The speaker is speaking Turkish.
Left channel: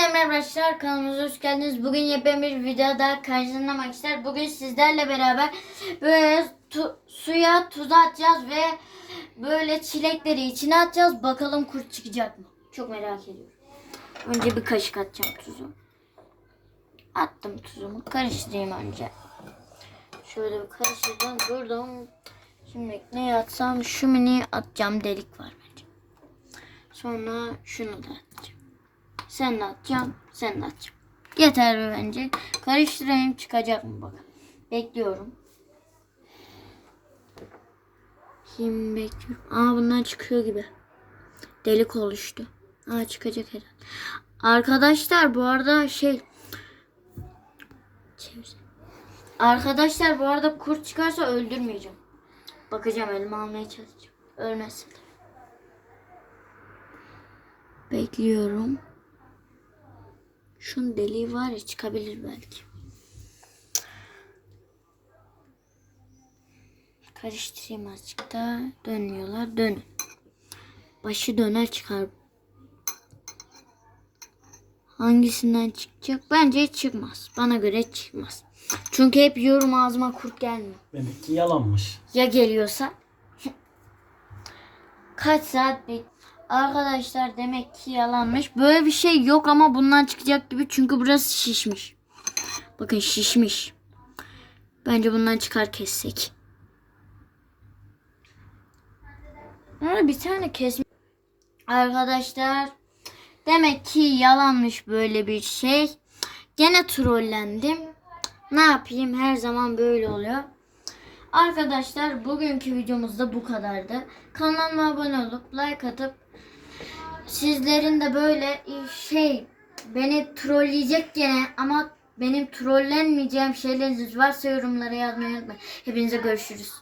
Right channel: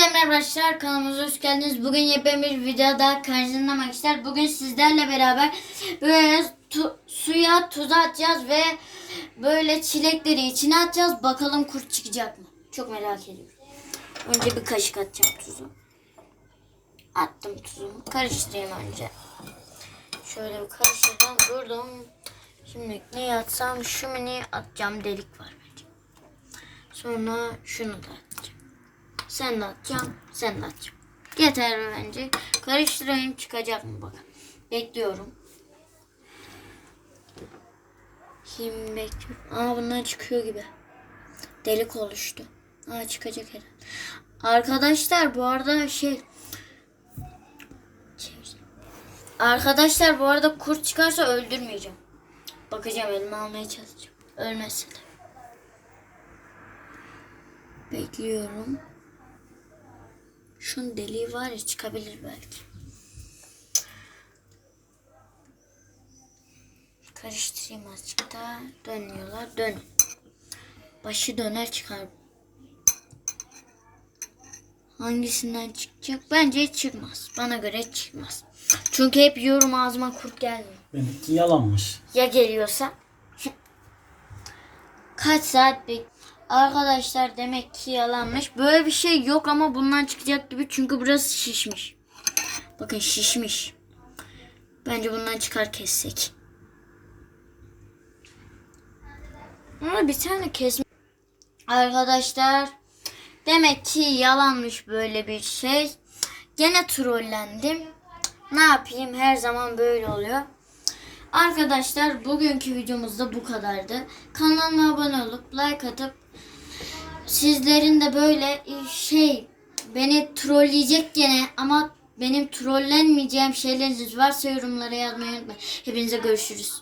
Herkese merhaba arkadaşlar kanalımıza hoş geldiniz. Bugün yepyeni bir videoda karşınızda arkadaşlar. Bugün sizlerle beraber böyle tu- suya tuz atacağız ve böyle çilekleri içine atacağız. Bakalım kurt çıkacak mı? Çok merak ediyorum. Önce bir kaşık atacağım tuzu. Attım tuzumu. Karıştırayım önce. Şöyle bir karıştırdım. Durdum. Şimdi ne atsam şu mini atacağım. Delik var bence. Sonra şunu da atacağım. Sen de atacağım. Sen de atacağım. Yeter bence. Karıştırayım çıkacak mı bakalım. Bekliyorum. Şimdi bekliyorum. Aa bundan çıkıyor gibi. Delik oluştu. Aa çıkacak herhalde. Arkadaşlar bu arada şey. Arkadaşlar bu arada kurt çıkarsa öldürmeyeceğim. Bakacağım elime almaya çalışacağım. Ölmesin. Bekliyorum. Şunun deliği var ya çıkabilir belki. Karıştırayım azıcık da dönüyorlar. Dön. Başı döner çıkar. Hangisinden çıkacak? Bence hiç çıkmaz. Bana göre hiç çıkmaz. Çünkü hep yiyorum ağzıma kurt gelmiyor. Benimki yalanmış. Ya geliyorsa? Kaç saat bek... Arkadaşlar demek ki yalanmış. Böyle bir şey yok ama bundan çıkacak gibi çünkü burası şişmiş. Bakın şişmiş. Bence bundan çıkar kessek. Ama bir tane kesmiş. Arkadaşlar demek ki yalanmış böyle bir şey. Gene trollendim. Ne yapayım her zaman böyle oluyor. Arkadaşlar bugünkü videomuz da bu kadardı. Kanalıma abone olup like atıp sizlerin de böyle e, şey beni trolleyecek gene ama benim trollenmeyeceğim şeyleriniz varsa yorumlara yazmayı unutmayın. Hepinize görüşürüz.